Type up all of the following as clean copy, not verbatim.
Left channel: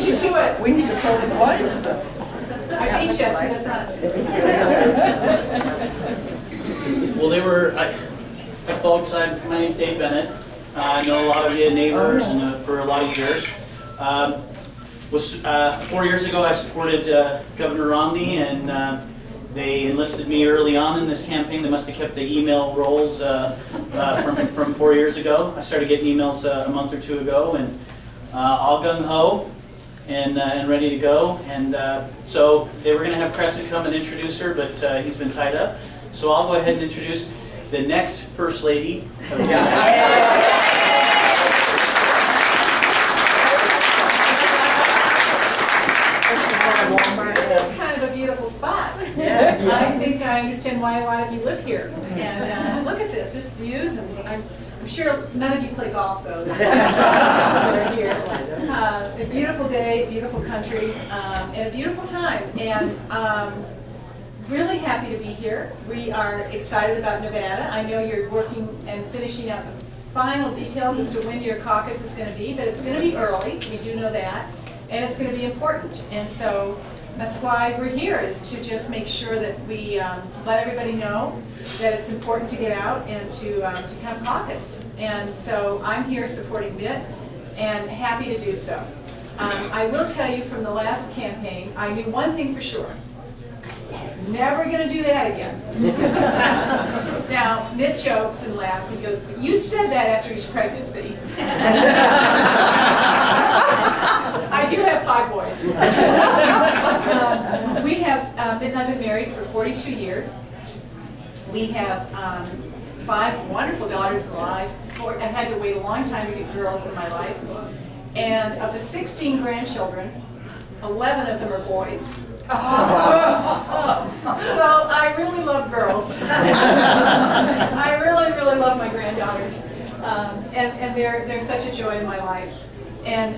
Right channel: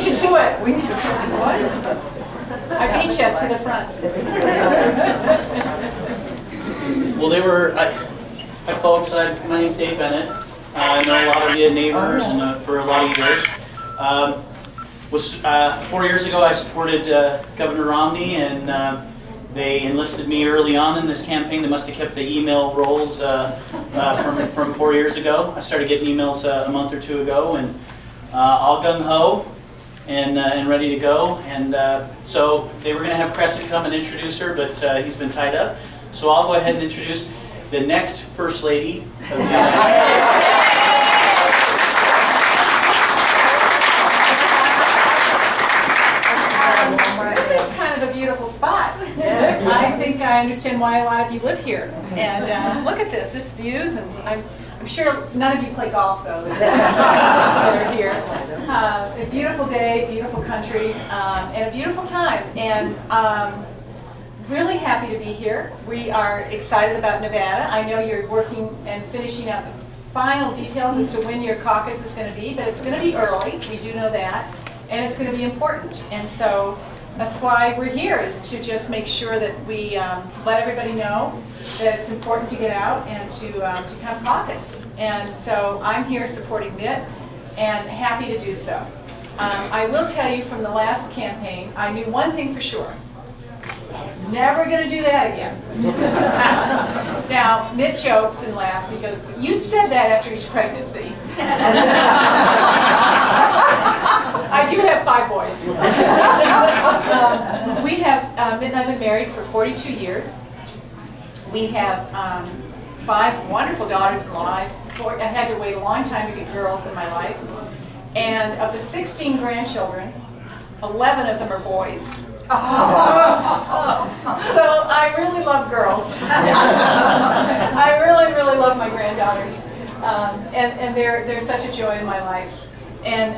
beat you to it. We need to tell the audience. I beat you to the front. Well, they were, hi folks, my name's Dave Bennett. I know a lot of you neighbors and for a lot of years. 4 years ago I supported Governor Romney, and they enlisted me early on in this campaign. They must have kept the email rolls from 4 years ago. I started getting emails a month or two ago, and all gung-ho and ready to go. And so they were going to have Crescent come and introduce her, but he's been tied up. So I'll go ahead and introduce the next First Lady of the This is kind of a beautiful spot. Yeah. I think I understand why a lot of you live here. And look at this views, and I'm sure none of you play golf though. They're here. A beautiful day, beautiful country, and a beautiful time. And really happy to be here. We are excited about Nevada. I know you're working and finishing out the final details as to when your caucus is going to be, but it's going to be early. We do know that. And it's going to be important. And so that's why we're here, is to just make sure that we let everybody know that it's important to get out and to come caucus. And so I'm here supporting Mitt and happy to do so. I will tell you from the last campaign, I knew one thing for sure. Never going to do that again. Now, Mitt jokes and laughs. He goes, "You said that after each pregnancy." I do have 5 boys. We have, Mitt and I have been married for 42 years. We have 5 wonderful daughters in life. I had to wait a long time to get girls in my life. And of the 16 grandchildren, 11 of them are boys. So I really love girls. I really, really love my granddaughters. And they're such a joy in my life. And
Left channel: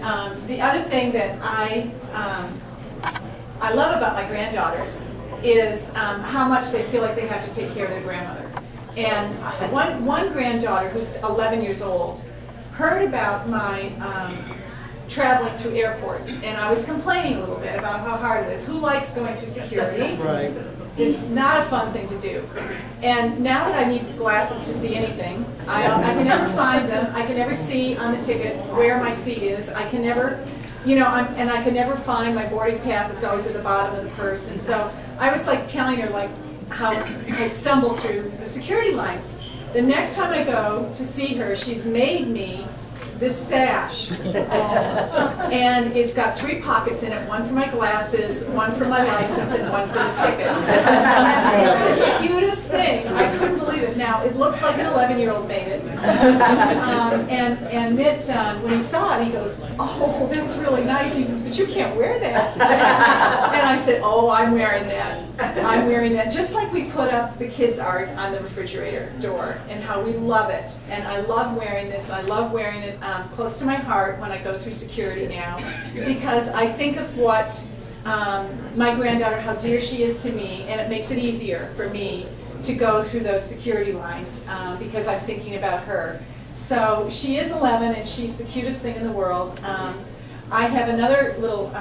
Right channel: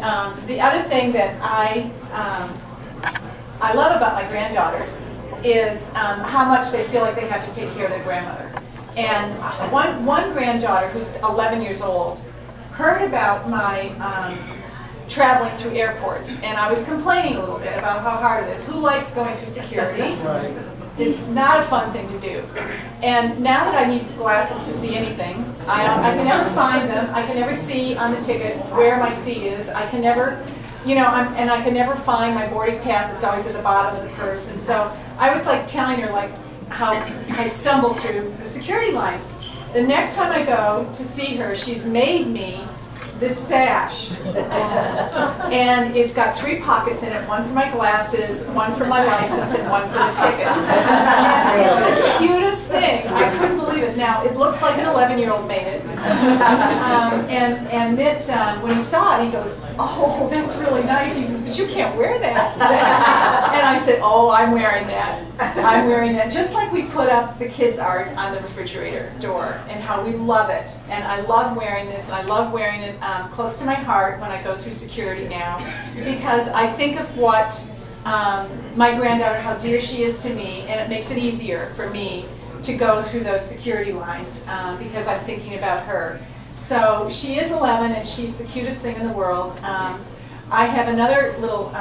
the other thing that I love about my granddaughters is how much they feel like they have to take care of their grandmother. And one granddaughter, who's 11 years old, heard about my traveling through airports, and I was complaining a little bit about how hard it is. Who likes going through security? Right. It's not a fun thing to do. And now that I need glasses to see anything, I can never find them. I can never see on the ticket where my seat is. I can never, and I can never find my boarding pass. It's always at the bottom of the purse. And so I was like telling her like how I stumble through the security lines. The next time I go to see her, she's made me this sash, and it's got 3 pockets in it, one for my glasses, one for my license, and one for the ticket. It's the cutest thing. I couldn't believe it. Now, it looks like an 11-year-old made it. And Mitt, when he saw it, he goes, "Oh, that's really nice." He says, "But you can't wear that." And I said, "Oh, I'm wearing that. I'm wearing that." Just like we put up the kids' art on the refrigerator door, and how we love it. And I love wearing this. I love wearing it close to my heart when I go through security now, because I think of what my granddaughter, how dear she is to me, and it makes it easier for me to go through those security lines because I'm thinking about her. So she is 11, and she's the cutest thing in the world. I have another little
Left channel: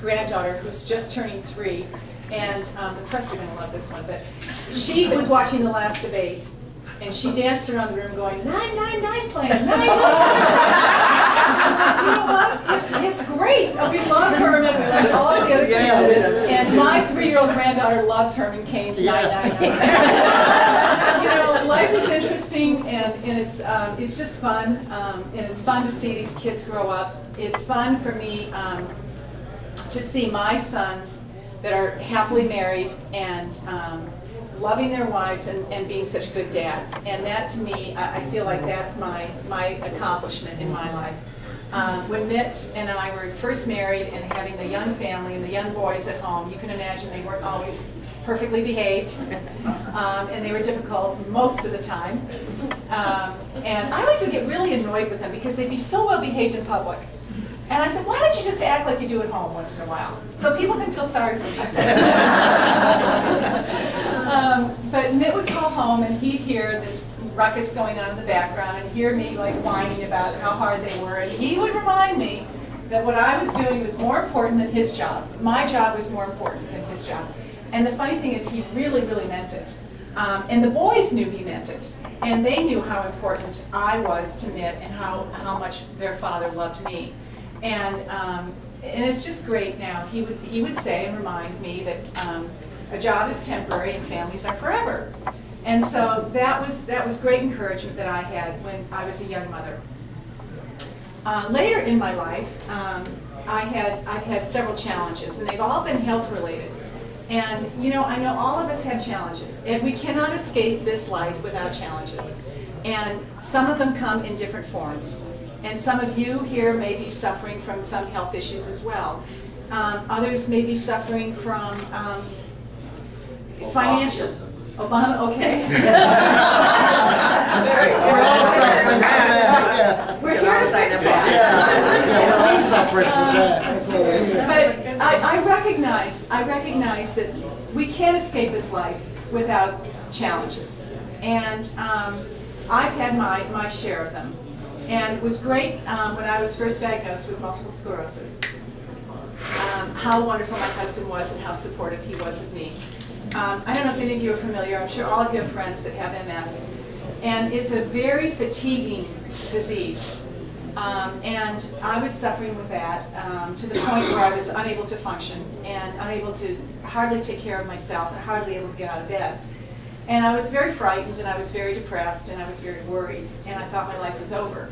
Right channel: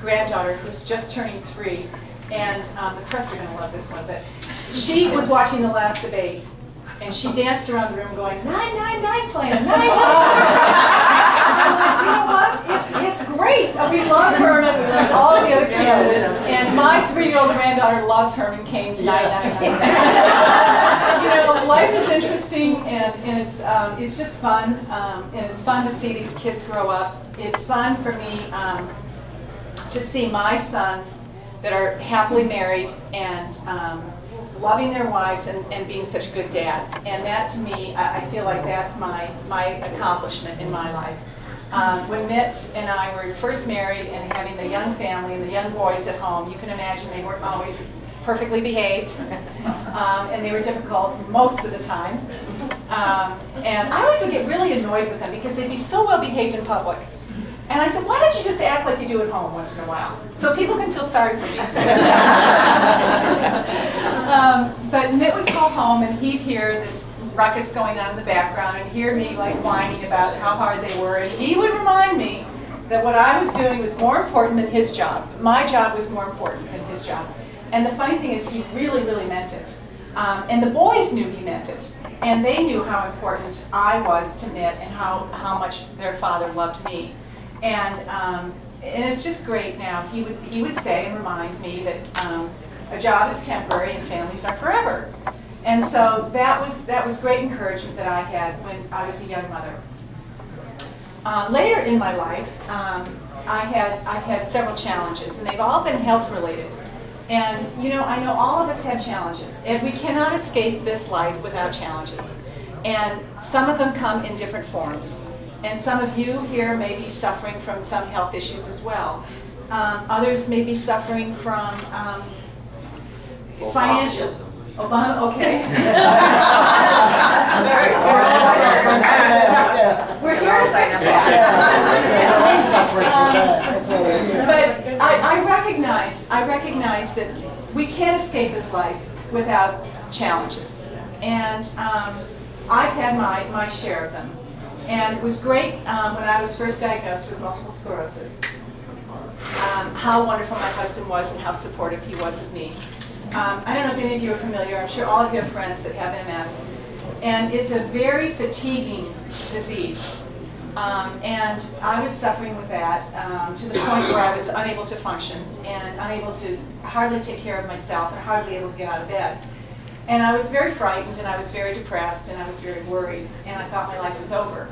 granddaughter who's just turning 3, and the press are going to love this one, but she was watching the last debate. And she danced around the room going, 999 plan, 999. You know what? It's great. We love Herman. We love all the other candidates. And my 3-year-old granddaughter loves Herman Cain's 999. Life is interesting, and it's just fun. And it's fun to see these kids grow up. It's fun for me to see my sons that are happily married and loving their wives and being such good dads. And that, to me, I feel like that's my accomplishment in my life. When Mitt and I were first married and having the young family and the young boys at home, you can imagine they weren't always perfectly behaved, and they were difficult most of the time. And I always would get really annoyed with them because they'd be so well behaved in public. And I said, "Why don't you just act like you do at home once in a while, so people can feel sorry for me?" But Mitt would go home and he'd hear this ruckus going on in the background and hear me like whining about how hard they were, and he would remind me that what I was doing was more important than his job. My job was more important than his job. And the funny thing is he really, really meant it. And the boys knew he meant it. And they knew how important I was to Mitt and how much their father loved me. And it's just great now. He would say and remind me that a job is temporary and families are forever. And so that was great encouragement that I had when I was a young mother. Later in my life, I've had several challenges, and they've all been health related. And you know, I know all of us have challenges, and we cannot escape this life without challenges. And some of them come in different forms. And some of you here may be suffering from some health issues as well. Others may be suffering from financial. Obama, okay. We're here to fix that. But I recognize that we can't escape this life without challenges. And I've had my share of them. And it was great when I was first diagnosed with multiple sclerosis. How wonderful my husband was and how supportive he was of me. I don't know if any of you are familiar. I'm sure all of you have friends that have MS. And it's a very fatiguing disease. And I was suffering with that to the point where I was unable to function and unable to hardly take care of myself and hardly able to get out of bed. And I was very frightened, and I was very depressed, and I was very worried, and I thought my life was over.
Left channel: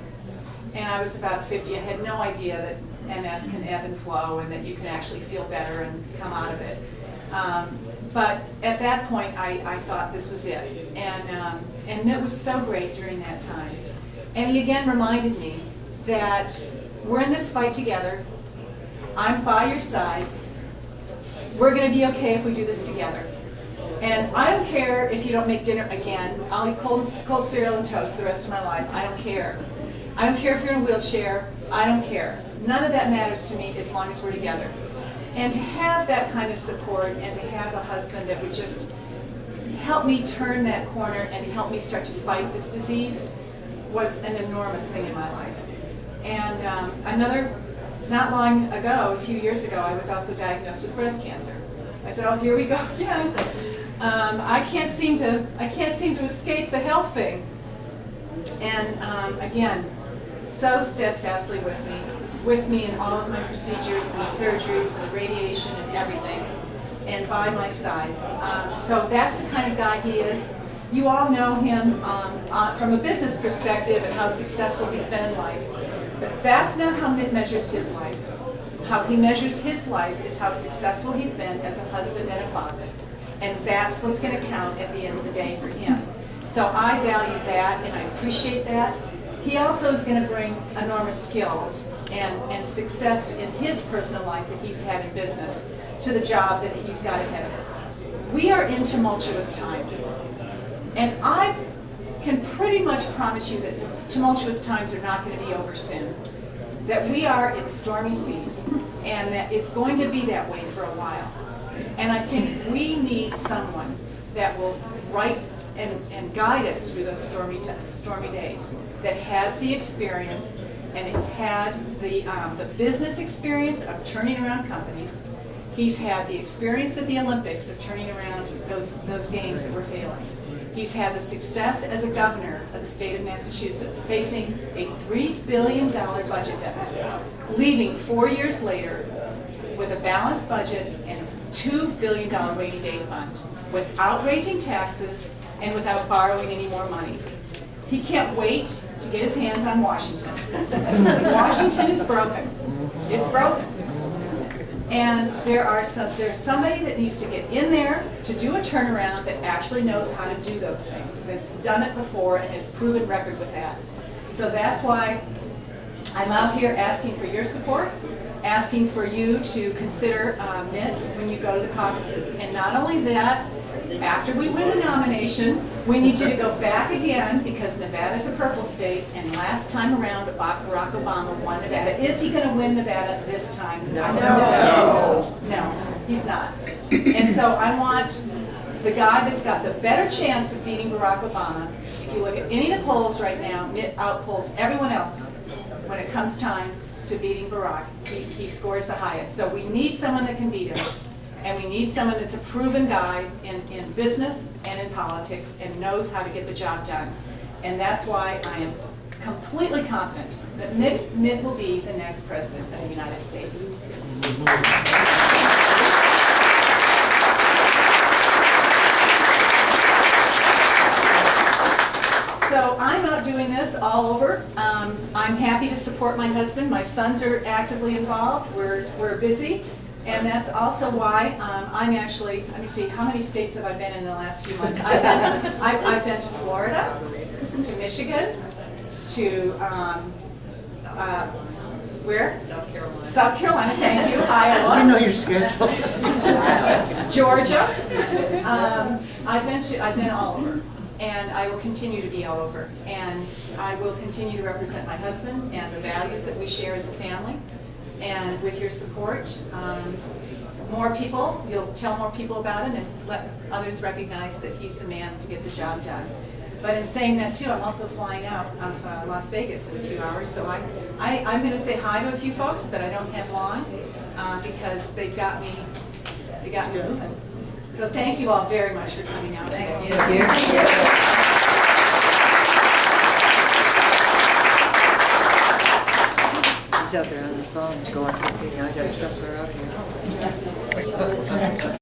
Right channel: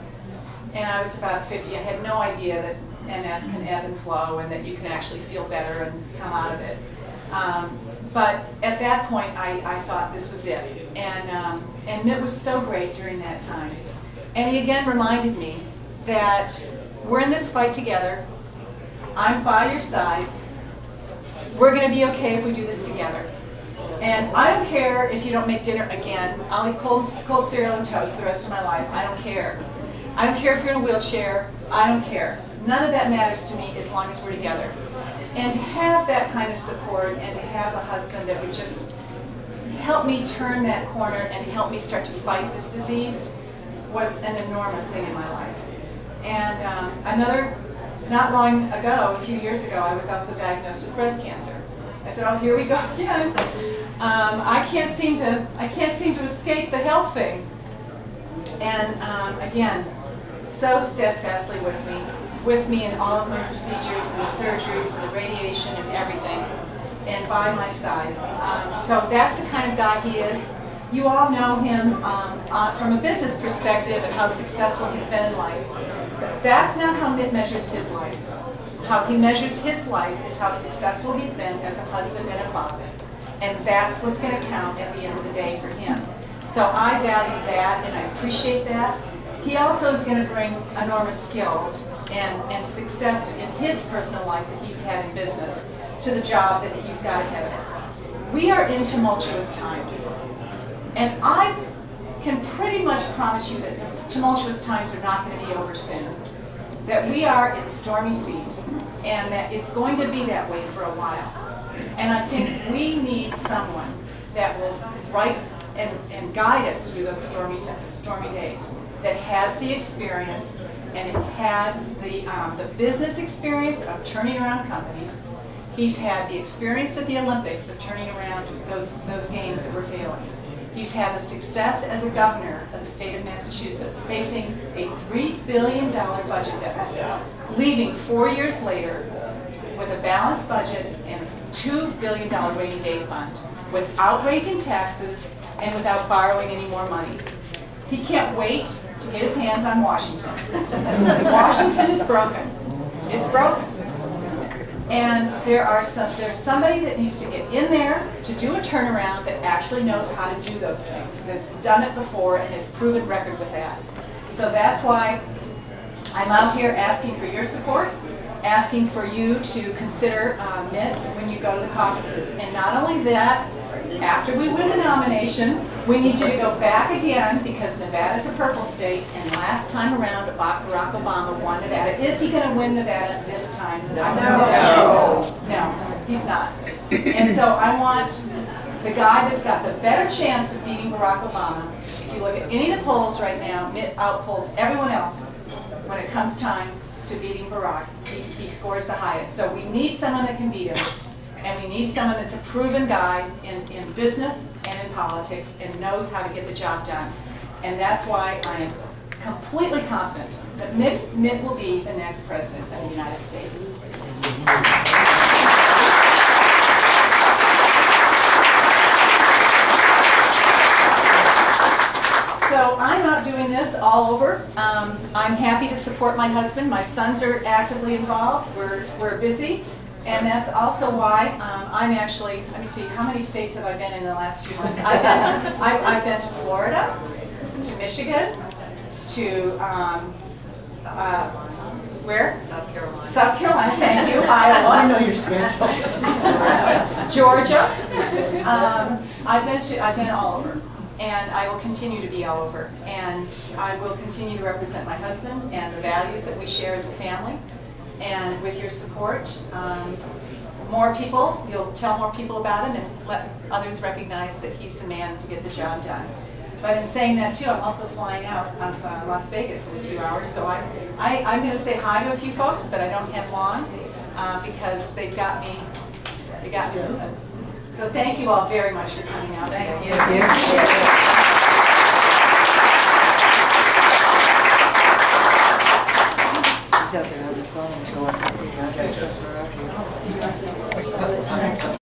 And I was about 50. I had no idea that MS can ebb and flow and that you can actually feel better and come out of it. But at that point, I thought this was it. And Mitt was so great during that time. And he again reminded me that we're in this fight together. I'm by your side. We're going to be okay if we do this together. And I don't care if you don't make dinner again. I'll eat cold cereal and toast the rest of my life. I don't care. I don't care if you're in a wheelchair. I don't care. None of that matters to me as long as we're together. And to have that kind of support and to have a husband that would just help me turn that corner and help me start to fight this disease was an enormous thing in my life. And not long ago, a few years ago, I was also diagnosed with breast cancer. I said, oh, here we go again. I can't seem to escape the health thing. And again, so steadfastly with me in all of my procedures and the surgeries and the radiation and everything, and by my side. So that's the kind of guy he is. You all know him from a business perspective and how successful he's been in life. But that's not how Mitt measures his life. How he measures his life is how successful he's been as a husband and a father. And that's what's going to count at the end of the day for him. So I value that and I appreciate that. He also is going to bring enormous skills and success in his personal life that he's had in business to the job that he's got ahead of us. We are in tumultuous times. And I can pretty much promise you that the tumultuous times are not going to be over soon. That we are in stormy seas, and that it's going to be that way for a while. And I think we need someone that will write and guide us through those stormy days, that has the experience, and it's had the business experience of turning around companies. He's had the experience at the Olympics of turning around those games that were failing. He's had the success as a governor of the state of Massachusetts, facing a $3 billion budget deficit, leaving 4 years later with a balanced budget and a $2 billion rainy day fund, without raising taxes and without borrowing any more money. He can't wait to get his hands on Washington. Washington is broken. It's broken. And there's somebody that needs to get in there to do a turnaround that actually knows how to do those things, that's done it before and has proven record with that. So that's why I'm out here asking for your support, asking for you to consider Mitt when you go to the caucuses. And not only that, after we win the nomination, we need you to go back again, because Nevada's a purple state, and last time around Barack Obama won Nevada. Is he going to win Nevada this time? No, he's not. And so I want the guy that's got the better chance of beating Barack Obama. If you look at any of the polls right now, Mitt outpolls everyone else when it comes time to beating Barack, he scores the highest. So we need someone that can beat him. And we need someone that's a proven guy in business and in politics and knows how to get the job done. And that's why I am completely confident that Mitt will be the next president of the United States. So I'm out doing this all over. I'm happy to support my husband. My sons are actively involved. We're busy. And that's also why I'm actually, let me see, how many states have I been in the last few months? I've been to Florida, to Michigan, to, where? South Carolina. South Carolina, thank you. Iowa. I know your schedule. Georgia. I've been all over. And I will continue to be all over. And I will continue to represent my husband and the values that we share as a family. And with your support, more people, you'll tell more people about him and let others recognize that he's the man to get the job done. But in saying that too, I'm also flying out of Las Vegas in a few hours, so I'm going to say hi to a few folks, but I don't have long because they got me moving. So thank you all very much for coming out today. Thank you. Out there on the phone going, I got to trust her out here.